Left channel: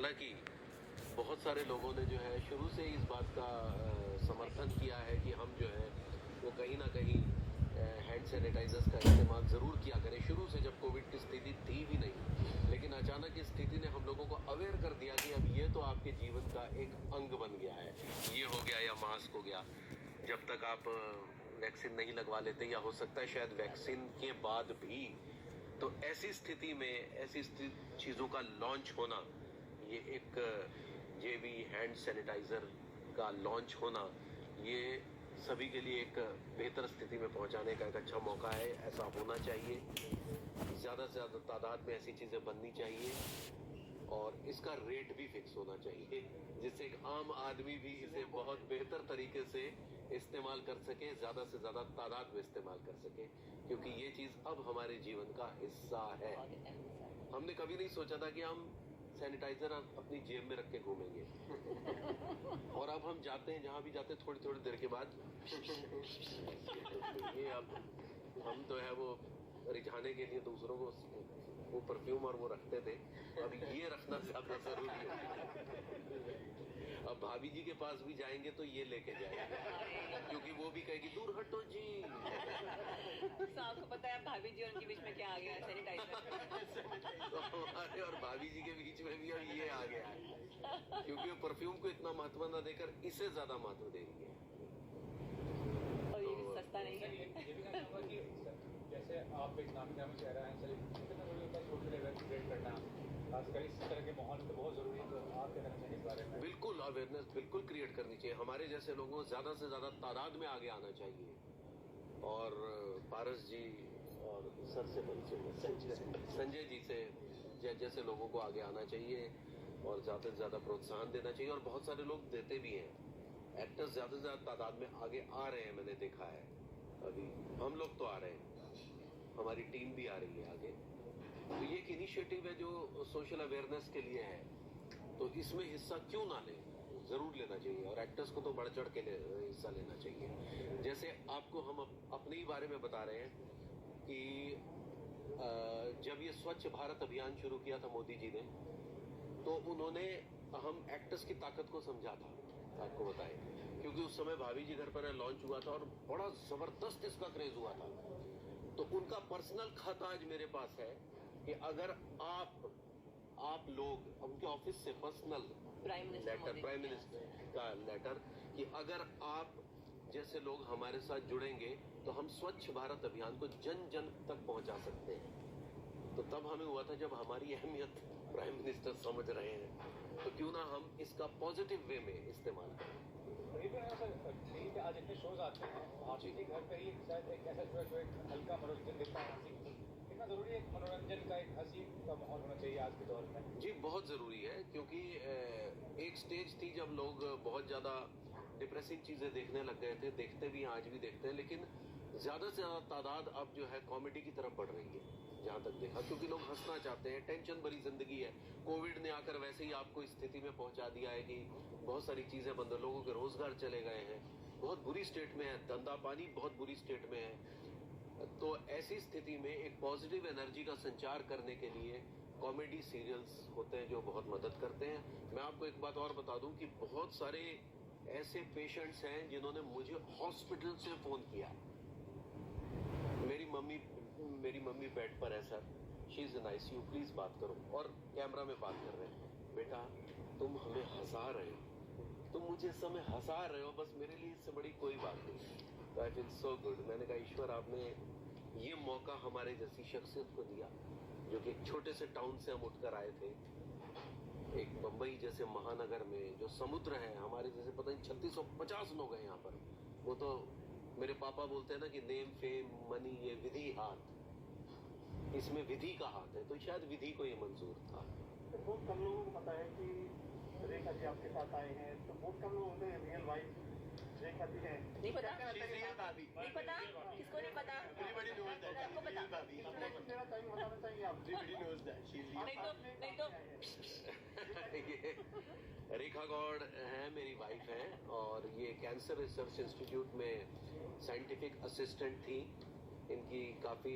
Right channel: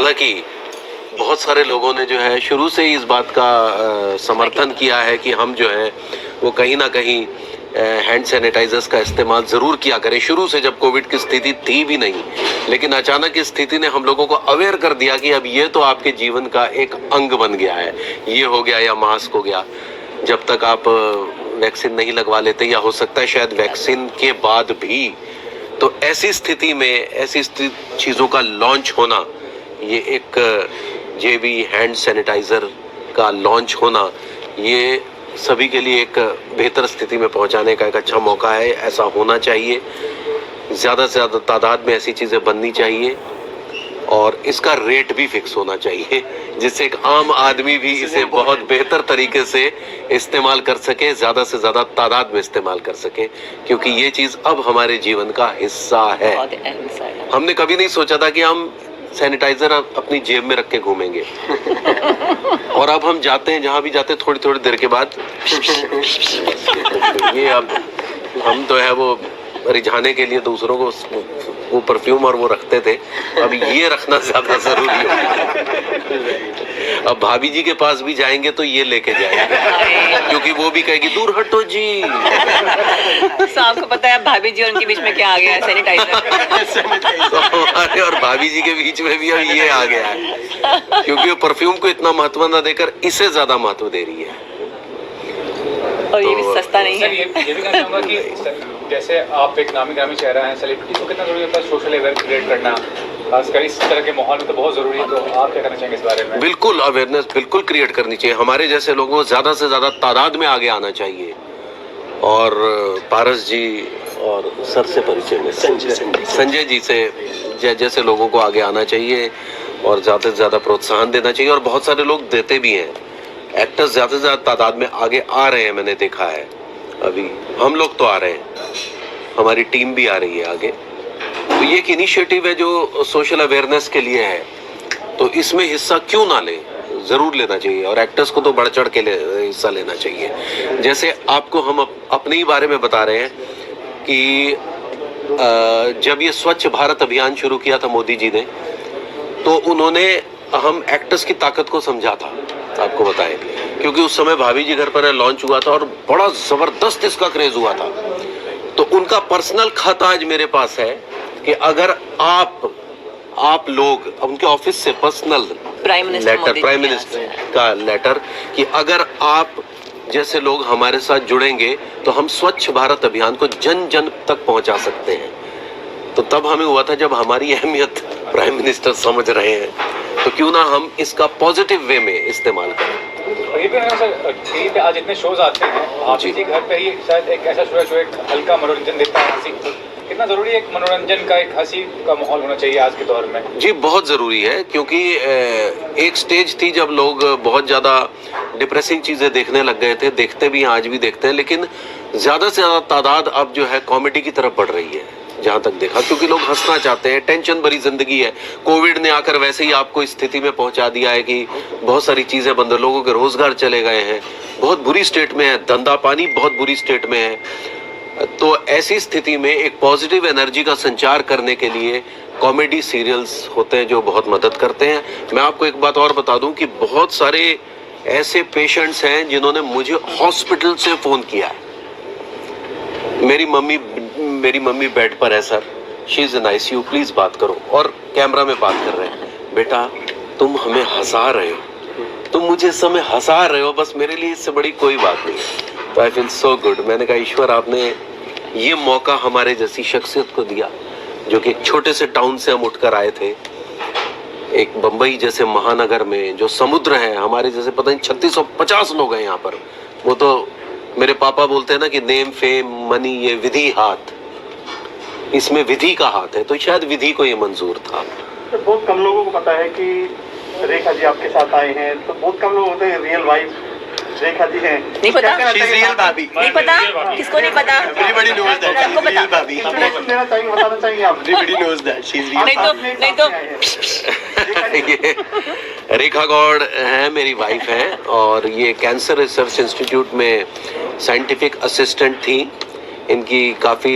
हालांकि बहुत सारे लोगों ने जो है शुरू से ही इस बात का समर्थन किया है कि हम जो है वो कहीं ना कहीं हैंड सैनिटाइजर्स का इस्तेमाल ज़रूर किया करें। शुरू से जब कोविड की स्थिति थी भी नहीं, लेकिन अचानक इस स्थिति ने हम लोगों को अवेयर कर दिया कि अब ये तो आपके जीवन का एक अंग बन गया है। ये हो गया या मास्क हो गया, जब तक आप वैक्सीन नहीं लगवा लेते, या हो सकता है शायद वैक्सीन के बाद भी। तो ऐसी स्थिति में ऐसी चीज़ों का लॉन्च होना, ये एक जेबी हैंड सैनिटाइज़र का लॉन्च होना, ये सभी के लिए एक बेहतर स्थिति में पहुंचाने का एक अच्छा मौका है। ऐसा होना चाहिए, ज़्यादा से ज़्यादा तादाद में ऐसी चीज़ें बननी चाहिए और इसका रेट भी फिक्स होना चाहिए, जिससे एक आम आदमी भी इसे बहुत बेहतर तरीके से इस्तेमाल कर सके, ज़्यादा से ज़्यादा तादाद में इस्तेमाल कर सके, क्योंकि ये चीज़ अब हमारे जीवन का हिस्सा है। हमने कभी नहीं सोचा था कि हम सैनिटाइजर अपनी जेब में रख के घूमेंगे और अब हम जाते हैं, जहां भी जाते हैं, थोड़ी थोड़ी देर के बाद ये अब हम तो है वो रिझाने के लिए दूसरों को वो परफ्यूम और वो रखते थे, अब ये रखना ज्यादा जरूरी है। अब भाभी जी के पास भी जाएंगे तो ये लेके जाएंगे, क्योंकि वो भी कहेगी दूर हटो जी। तो आपको पता है भाभी जी और उनके बीच में क्या आ गया है? सैनिटाइजर। तो हमारे और भाभी जी के बीच में भी अब ये आ गया है, क्योंकि वो परफ्यूम को इतना महत्व न देकर इसे ज्यादा महत्व दे रही है, और ये भी सस्ता नहीं है। ये भी कहना चाहूँगा कि जैसे आप एक नामी ग्रामी चेहरा हैं, सेलिब्रिटी, तो कितना जरूरी होता है सोशल अवेयरनेस क्रिएट करना, खासकर इस तरह के माहौल में तो बहुत जरूरी है। तो आप क्या कहना चाहेंगे इस बारे में? बिल्कुल अवेयरनेस बिल्कुल क्रिएट करनी चाहिए। हमारे जैसे लोगों को ज्यादा से ज्यादा तादाद में आगे आना चाहिए, और पारस जी और सर से परिचय में संजय जी से जैसे लोगों को आगे आना चाहिए और ज्यादा से ज्यादा प्रोत्साहन देना चाहिए, और बहुत सारे लोग देते भी हैं। एक्टर्स ज्यादा से ज्यादा तादाद में आगे आ रहे हैं, मैंने देखा है। अभी हम लोग तो आ रहे हैं, हमारी टीम भी आ रही है आगे। तो ये एक इनिशिएटिव है जो सोशल अवेयरनेस के लिए है, तो इसमें हिस्सा क्यों ना ले, जरूर लेना चाहिए, और एक्टर्स को तो बढ़ चढ़ के हिस्सा लेना चाहिए। जैसे आपको हम अपने ही बारे में बता रहे हैं कि जब ये स्वच्छ भारत अभियान शुरू किया था मोदी जी ने, तो उन्होंने हम एक्टर्स की ताकत को समझा था, आपको बताएं, क्योंकि उस समय भाभी जी घर पर लॉन्च हुआ था और बड़ा जबरदस्त इसका क्रेज हुआ था। तो उनका पर्सनल खत आज मेरे पास है कि अगर आप लोग, उनके ऑफिस से पर्सनल लेटर, प्राइम मिनिस्टर का लेटर, कि अगर आप जैसे लोग हमारे साथ जुड़ेंगे तो हम स्वच्छ भारत अभियान को जन जन तक पहुंचा सकते हैं। तो तब हमें हुआ था, जब हमारी अहमियत प्राइम मिनिस्टर समझ रहे हैं, तो क्यों ना हम इसका पॉजिटिव वे में इस्तेमाल करें। और ये भी है सर, टीवी पे आज इतने शोज आते हैं, आप जी घर पे ही शायद एक ऐसा शो है जो एक हल्का मनोरंजन देता है, हंसी। कितना जरूरी है एक मनोरंजन का, एक हंसी का माहौल होना चाहिए आज के दौर में? जी बहुत ज़रूरी है, क्योंकि एक स्टेज थी जब लोग बहुत ज़्यादा डिप्रेसिंग चीज़ें देखने लग गए थे, देखते भी हैं, आज भी देखते हैं, लेकिन ज़्यादा से ज़्यादा तादाद अब जो है कॉमेडी की तरफ बढ़ रही है, जहाँ तक देखा, क्योंकि लोग हंसना चाहते हैं। टेंशन भरी जिंदगी है, कोविड ने आकर वैसे ही आपको इस स्थिति में पहुंचा दिया है कि बहुत सारी चीज़ें बंद, लोगों के रोजगार चले गए हैं, बहुत बुरी स्टेट में है, धंधा पानी बहुत बुरी स्टेट में है। तो ऐसी स्थिति में एक पॉजिटिव एनर्जी का संचार करने के लिए कॉमेडी सीरियल्स होते हैं जो बहुत मदद करते हैं। मैं आपको एक बात और बता दूं कि बहुत सारे ऐसे पेशेंट्स हैं जिन्होंने मुझे हॉस्पिटल से फोन किया है, मेरी मम्मी बेड पर है sir, she is in ICU, please बात करो, और कैमरा में बात कर रहे हैं, बेटा तुम हमें हंसा रहे हो, तुम मुझे इस समय हंसा रहे हो, बस मेरे लिए इससे बड़ी कोई बात नहीं। तो आई फील सो गुड। मैंने कहा ईश्वर आपने ये मौका हमारे जैसी शख्सियत को दिया, जो कि एक छोटे से टाउन से हम उठकर आए थे, एक बम्बई जैसे महानगर में जो समुद्र है, हमारे जैसे पता नहीं 3650 लोग हैं यहाँ पर। वो तो मेरे पापा बोलते हैं ना कि नेम फेम मनी ये विधि हाथ, इसमें विधि का हाथ है, तो शायद विधि को ये मंजूर था। तो बहुत कम लोगों को पता है कि रेखा जी आपके साथ आए हैं, तो बहुत कम लोग होते हैं रियल वाइफ रेखा जी हैं। नहीं पता, रियल भाभी नहीं पता, किसको नहीं पता? एवरीबॉडी नोज दैट सबको पता। भाभी इंट्रोडक्शन देना चाहिए, बताना चाहिए आप। Everybody knows that she is real. नहीं तो ये रेखा गौड़ है, मेरी वाइफ है, और ये कैंसर रिसर्च इंस्टीट्यूट में साइंटिफिक असिस्टेंट थी। इनकी काफ़ी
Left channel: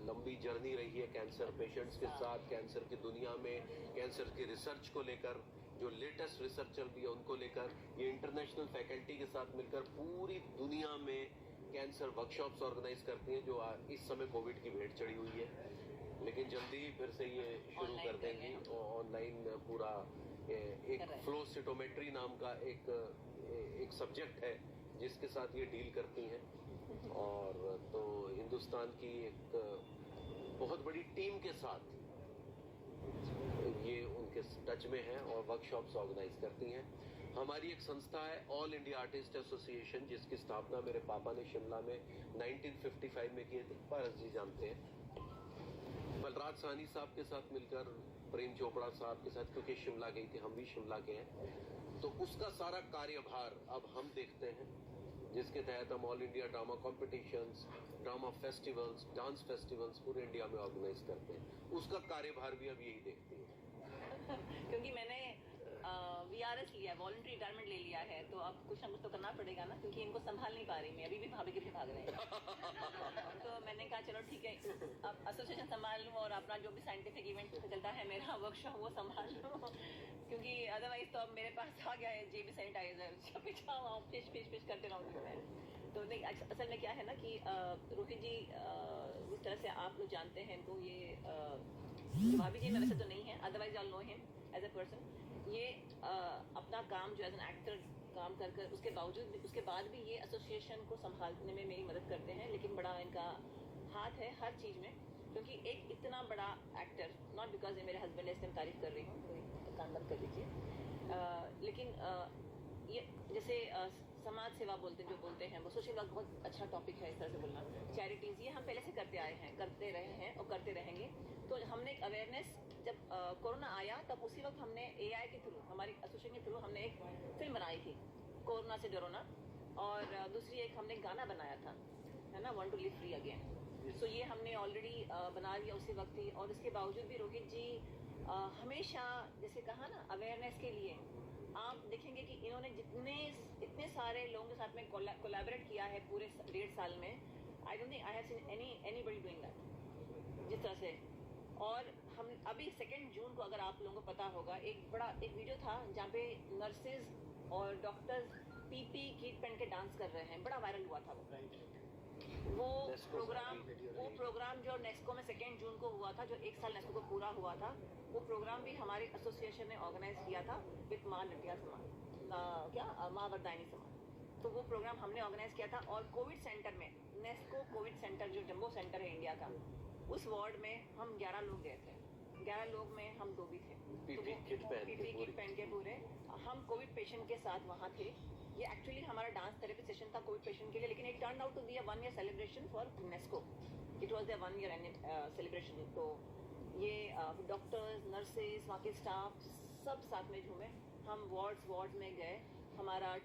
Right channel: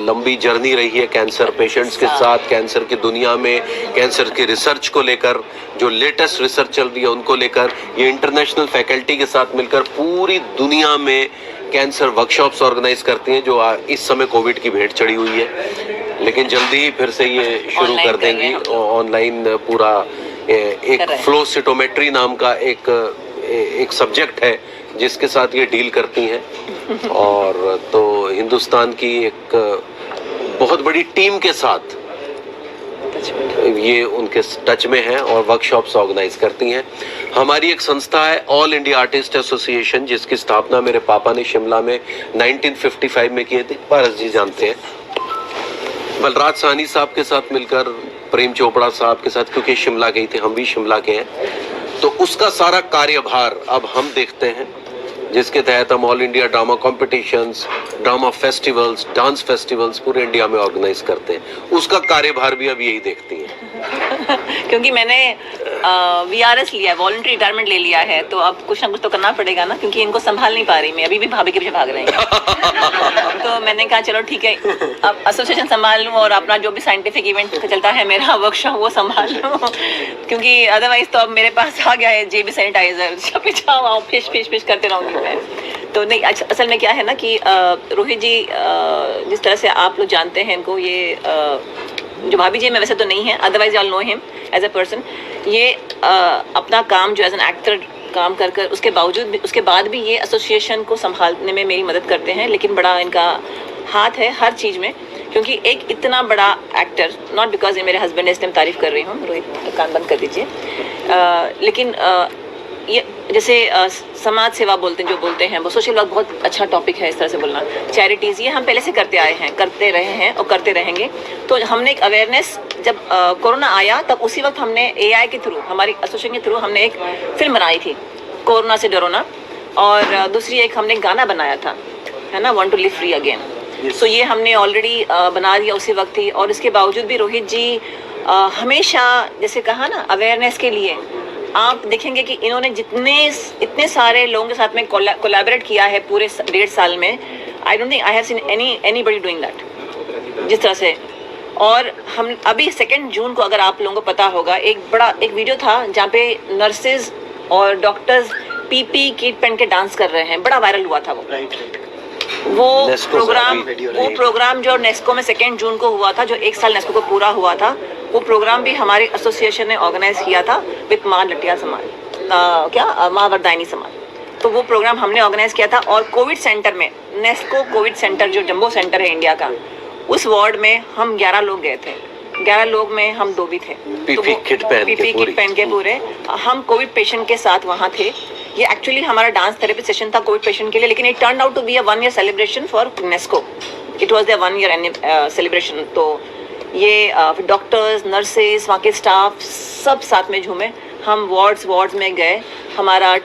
लंबी जर्नी रही है कैंसर पेशेंट्स के साथ, कैंसर की दुनिया में, कैंसर की रिसर्च को लेकर, जो लेटेस्ट रिसर्च चल रही है उनको लेकर। ये इंटरनेशनल फैकल्टी के साथ मिलकर पूरी दुनिया में कैंसर वर्कशॉप्स ऑर्गेनाइज करती हैं, जो इस समय कोविड की भेंट चढ़ी हुई है, लेकिन जल्दी ही फिर से ये शुरू Online कर कर रहे देंगी हैं ऑनलाइन। पूरा एक कर रहे हैं। फ्लो सिटोमेट्री नाम का एक सब्जेक्ट है जिसके साथ ये डील करती हैं। और तो हिंदुस्तान की एक बहुत बड़ी टीम के साथ ये उनके टच में है और वर्कशॉप्स ऑर्गेनाइज करती हैं। हमारी एक संस्था है ऑल इंडिया आर्टिस्ट एसोसिएशन, जिसकी स्थापना मेरे पापा ने शिमला में 1955 में किए थे। पारस जी जानते हैं, बलराज साहनी साहब के साथ मिलकर, प्रेम चोपड़ा साहब के साथ, क्योंकि शिमला गई थे, हम भी शिमला के हैं, तो उसका सारा कार्यभार अब हम देखते हैं, जिसके तहत हम all India drama competitions, drama festivals, dance festivals पूरे इंडिया में ऑर्गेनाइज करते हैं। उसका कार्यभार भी अब यही देखती हैं। क्योंकि मैंने VRS लिया है, वॉलंटरी रिटायरमेंट ले लिया है, तो अब कुछ ना कुछ तो करना पड़ेगा ना, क्योंकि इनको संभाल नहीं पा रही मैं, अभी भी भाभी के पीछे भाग रहे हैं। तो मैंने कहा चलो ठीक है, अब एसोसिएशन संभाल लूँ और अपना जो भी साइंटिफिक इवेंट चलता है मेरा वर्कशॉप वो संभाल लूँ, क्योंकि अदरवाइज तो अब मेरे पास आ गया है JB सैनिटाइजर, पीछा आओ फिश फिश फिश करते रहूँगी मैं। तो नहीं, असल में क्या है ना कि रोहित जी, जिस तरह से आप लोग जानते हैं इनको, ये जो भाभी जी में वैसे तो नहीं है, otherwise I know him as a person. ये अपना काम जो एज एन एक्टर काम कर कर उसके बावजूद भी, उसके बाद भी ये एसोसिएशन को संभालने में मेरी मदद करते हैं। लेकिन बड़ा इनका हाथ है हर चीज़ में, क्योंकि एक इतना बड़ा एक्टर, नॉट बिकॉज ये मेरे हस्बैंड है इसलिए मैं तारीफ कर रही हूँ, रोहित कान बंद कर दीजिए, लेकिन ये जैसे समाज सेवा बोलते हैं, जो बोलते हैं वो सोशल वर्क, बहुत अच्छा टॉपिक है इस तरह से बोलना। चैरिटीज़ ये हम पहले से करते आए हैं, करते रहे हैं और करते रहेंगे। तो हमने एक अवेयरनेस, जब कोरोना आया तब उसी वक्त हमने AI के थ्रू, हमारी एसोसिएशन के थ्रू हमने एक फिल्म बनाई थी, कोरोना से डरो ना, और दूसरी एक हमने गाना बनाया था, है ना, want to live free again. So ये हमने ऑलरेडी बना दिया उसी वक्त ही। और इसके बावजूद भी रोहित जी हमेशा, जैसे कहा ना, अवेयरनेस के लिए आप देखेंगे कि इन्होंने इतने सारे लोगों के साथ में कोलैबोरेट किया है पूरे 1.5 साल में। I don't think I have seen anybody doing that जिस तरह से। और हम अभी 2 जून को, अगर आप लोगों को पता होगा, एक वीडियो था जहाँ पे नर्सेज और डॉक्टर्स PPE किट पहन के डांस कर रहे हैं, बड़ा वायरल हुआ था वो प्रोग्राम जो नेस्को में 2 जून को हुआ था, जो 1 साल नेस्को को पूरा हुआ था, वो प्रोग्राम भी हमारी एसोसिएशन ने ऑर्गेनाइज किया था विद माँ लटिया समाज, माँ वरदायनी समाज। तो वो प्रोग्राम हमने ऑर्गेनाइज किया था। और कोविड सेंटर में, नेस्को कोविड सेंटर जो जंबो सेंटर है इंडिया का, उस वार्ड में हम 11 लोग गए थे। 11 लोग में हम 2 भी थे। PPE किट पहन के पूरे हम कोविड पेशेंट के साथ वहाँ थे। ये एक्चुअली हमारा डांस थेरेपी सेशन था कोविड पेशेंट के लिए, लेकिन it turn out to be a 1 year celebration for नेस्को। It was there 1 year celebration. तो ये डॉक्टर्स, नर्सेज, वहाँ के स्टाफ सब साथ में झूमे। हम वार्ड्स में गए। हमारा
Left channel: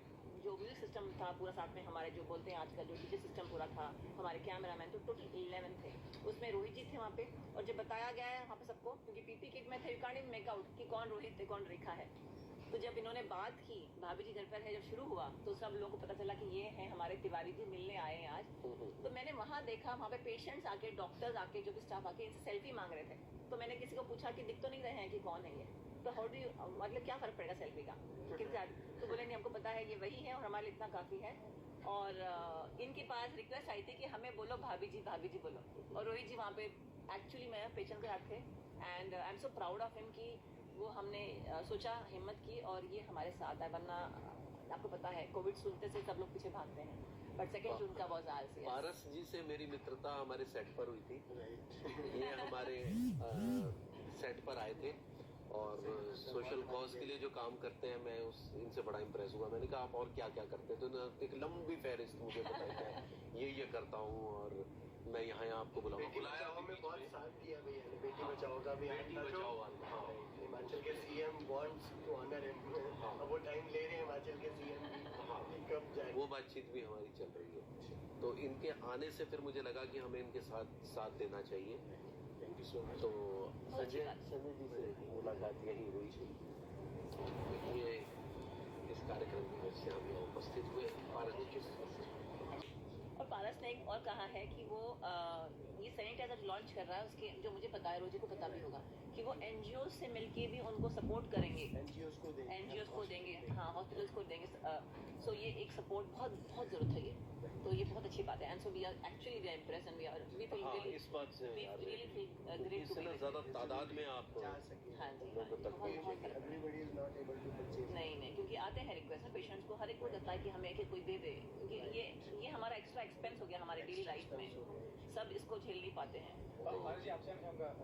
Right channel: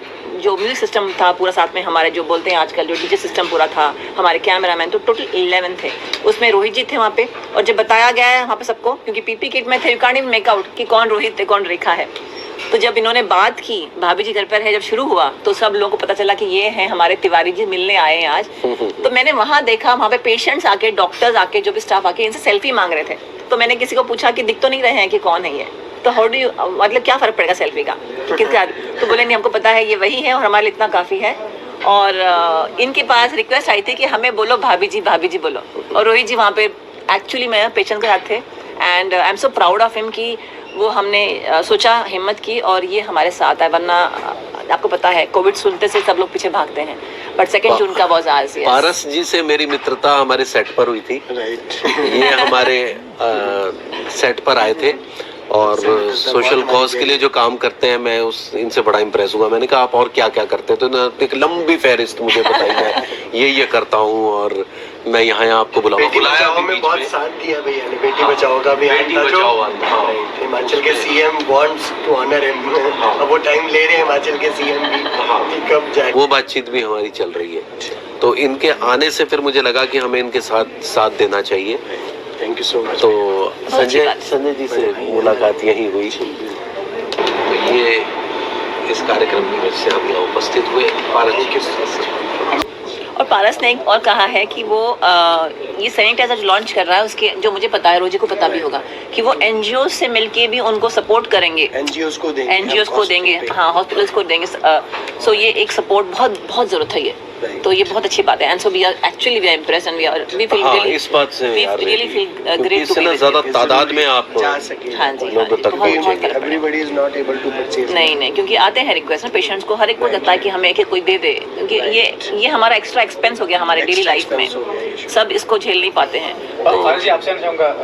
जो म्यूजिक सिस्टम था पूरा साथ में, हमारे जो बोलते हैं आजकल जो DJ सिस्टम पूरा था, हमारे कैमरामैन, तो टोटल 11 थे। उसमें रोहित जी थे वहाँ पे। और जब बताया गया है वहाँ पे सबको, क्योंकि PPE किट में थे, you can't even make out कि कौन रोहित है कौन रेखा है। तो जब इन्होंने बात की, भाभी जी घर पर है, जब शुरू हुआ तो सब लोगों को पता चला कि ये हैं हमारे तिवारी जी, मिलने आए हैं आज। तो मैंने वहाँ देखा, वहाँ पे पेशेंट्स आके, डॉक्टर्स आके, जो भी स्टाफ आके इनसे सेल्फी मांग रहे थे। तो मैंने किसी को पूछा कि दिख तो नहीं रहे हैं कि कौन है ये, तो हाउ डू यू, मतलब क्या फ़र्क पड़ेगा सेल्फी का किसका? तो बोले नहीं, हमको पता है ये वही है और हमारे लिए इतना काफ़ी है। और इनके पास रिक्वेस्ट आई थी कि हमें बोलो भाभी जी बोलो। और रोहित जी वहाँ पे एक्चुअली मैं पेशेंट के साथ थे, and I am so proud of him कि वो हमने सोचा, हिम्मत की और ये हमारे साथ है। वरना आपको पता है कोविड सुनते से सब लोग पीछे भागते हैं। बट 2 जून का वाज आज। पारस जी से मेरी मित्रता हमारे सेट पर हुई थी। ये हमारे सेट पर आए थे और सोशल कॉज के लिए जो काम करते हैं, मैं इनसे बड़ा इम्प्रेस हुआ। मैंने कहा आप और क्या क्या करते हैं? तो इन्होंने एक लंबी फहरिस्त मुझे बताई, मैं ये करता हूँ और मैं यहाँ आपको बुलाया। हमें बहुत साथ दिया भैया ने। बेटी बचाओ का भी, हिमाचल के CM wants to honour him. अब वो टाइम ले रहे हैं हिमाचल के CM भी कि कब जाए। वो बातचीत भी हमारी चल रही है। तो इनके आने से फिर मुझे लगा कि हमें इनके साथ देना चाहिए। Thank you so much. तो संजय जी से मुलाकात यही हुई। तो ये इस कार्यक्रम में से हम यहाँ उपस्थित हुए। और पारस ने एक और कहा है कि वो ये सैनिटाइजर जो लॉन्च कर रहा है उसके, जो मुझे पता है, रोजी को पता भी होगा, कि वो एनजीओ से मिलके भी उनको सपोर्ट करेंगे, एनजीओ को देंगे, एनजीओ को देंगे, हाँ हॉस्पिटल्स को देंगे। सो ये एक सपोर्ट बहुत बहुत जरूरत है ये, तो ये बहुत अच्छी बात है। And so we are actually we are impressed and we feel हाँ, रियली, इस बात से वी यार रियली फील ग्रेट टू इतना ज्यादा तादाद में आप जा सके। हाँ जी, लोगों तक बहुत पहुंचे। फर्क पड़ेगा। Everybody is not able to purchase. नहीं नहीं, क्योंकि आते हैं रिक्वेस्ट ना पेशेंट्स को, हर एक को लगता है कि हमें एक कोई दे दे, क्योंकि ये हमारा एक्स्ट्रा एक्सपेंस हो गया हमारे डेली लाइफ में, सब इसको झेल नहीं पाते हैं। तो फारस जी आपसे चाहूँगा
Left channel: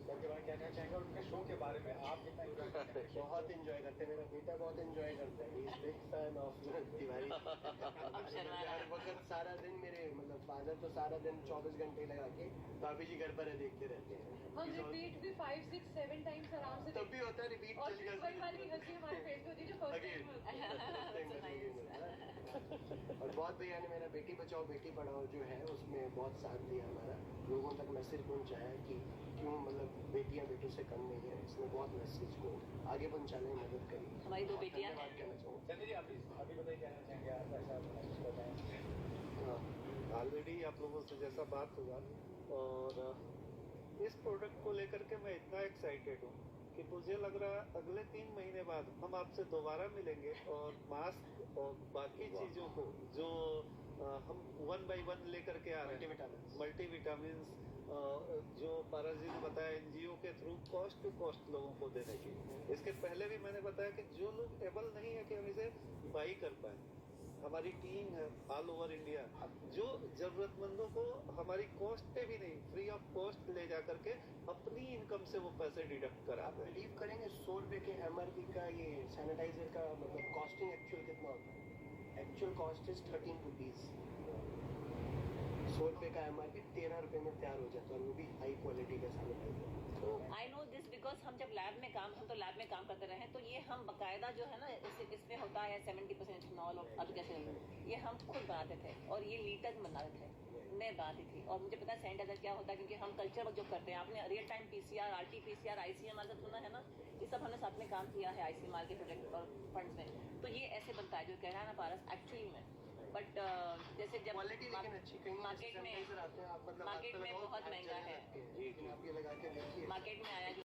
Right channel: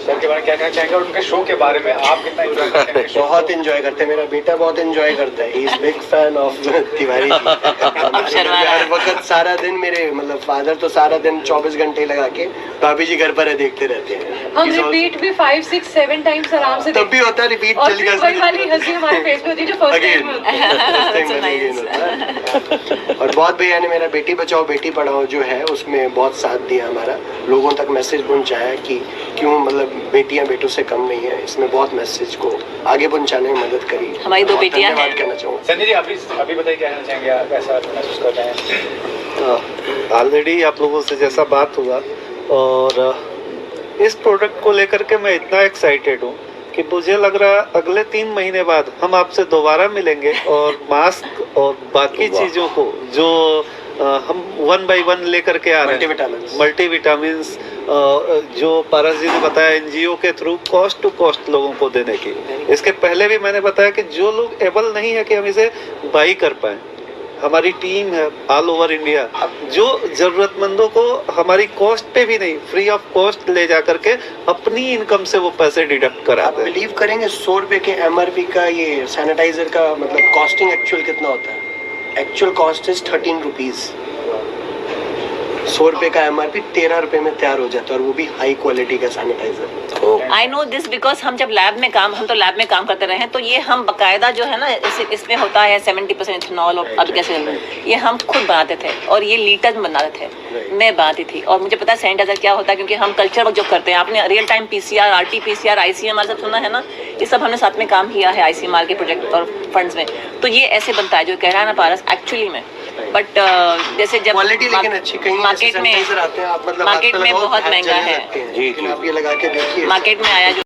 सर के बारे में क्या कहना चाहेंगे और उनके शो के बारे में आप कितना एंजॉय करते हैं? बहुत एंजॉय करते हैं, मेरा बेटा बहुत एंजॉय करता है, he is big fan of Tiwari ji. Sharma रहा है। हर वक्त सारा दिन मेरे मतलब फादर तो सारा दिन 24 घंटे लगा के भाभी जी घर पर है देखते रहते हैं। हम He's also- रिपीट भी 5, 6, 7 टाइम्स आराम से तब भी होता है रिपीट और चल फिर वही वाली हंसी हमारे फेस पे होती है जो फर्स्ट अगेन टाइम होती है। और बहुत भैया ने मेरा बेटी बचाओ बेटी पढ़ाओ जो है उसमें बहुत साथ दिया हमारा, लोगों तक मैसेज पहुंचाया कि क्यों मतलब बेटियां बेटों से कम नहीं है, इसमें बहुत मैसेज को आगे पहुंचाने में मदद करी। हमारी 2 बेटियां धन्यवाद हैं। कहना चाहूँगा। संजय जी अभी बताइए क्या कहना चाहेंगे, आप कैसा महसूस कर रहे हैं? ऑलरेडी आप लोगों से जैसा बात हुआ, और इस प्रोडक्ट को लेकर के मैं इतना एक्साइटेड हूँ कि मुझे लग रहा है अगले 3 महीने बाद हम आपसे दोबारा मिलेंगे और मास्क और बाकी वाह। चीज़ों को जो हम 1 by 1 लेकर के आ रहे हैं, मल्टीविटामिन्स। मल्टीविटामिन्स जो पारस जी ने बताया एनजीओ के थ्रू कॉस्ट टू कॉस्ट लोगों को देने की। इसके पहले भी मैंने बताया कि जो लोग एबल नहीं है कि हम इसे बाई कर पाएँ, हमारी टीम है ऑल ओवर इंडिया, जो जरूरतमंदों को हमारी कॉस्ट पे भी नहीं, फ्री ऑफ कॉस्ट ले जा करके अपनी इनकम से वो पैसे डिडक्ट आप कराते हैं। बिलीव करेंगे 100 रुपए के एमआरपी का ये सैनिटाइजर का मतलब कॉस्टिंग एक्चुअल कितना होता है? Actual cost is 13 rupees. 100 रुपए का एमआरपी 13 रुपए में तैयार हो जाता है, और वो भी हाई क्वालिटी का sanitiser. I know this because हम जब लैब में काम, हम तो लैब में काम करते रहे हैं, तो ये हम बकायदा जो है ना इसमें होता है 70% इथेनॉल, और अब कैसे ये हम खुद बनाते थे और ये लीटर में बनाते थे, मैं बनाती थी। और मुझे पता है सैनिटाइजर क्या होता है, क्योंकि हम कल्चर वर्क जो करते हैं, आपने real time PCR, RT-PCR, ICMR सब सुना है ना, ये सब हमने साथ में काम किया है ICMR के प्रोजेक्ट और फंड्स में। तो ये ऐसे बनता है जो कह रहा है ना पारस, एक्चुअली में। बट जैसे जब क्वालिटी लेकिन अच्छी, कहीं मार्केट में सैनिटाइजर आते हैं आप मतलब मार्केट में बहुत महंगा है। लेकिन आप ये लगा के देखिए मार्केट में आया जो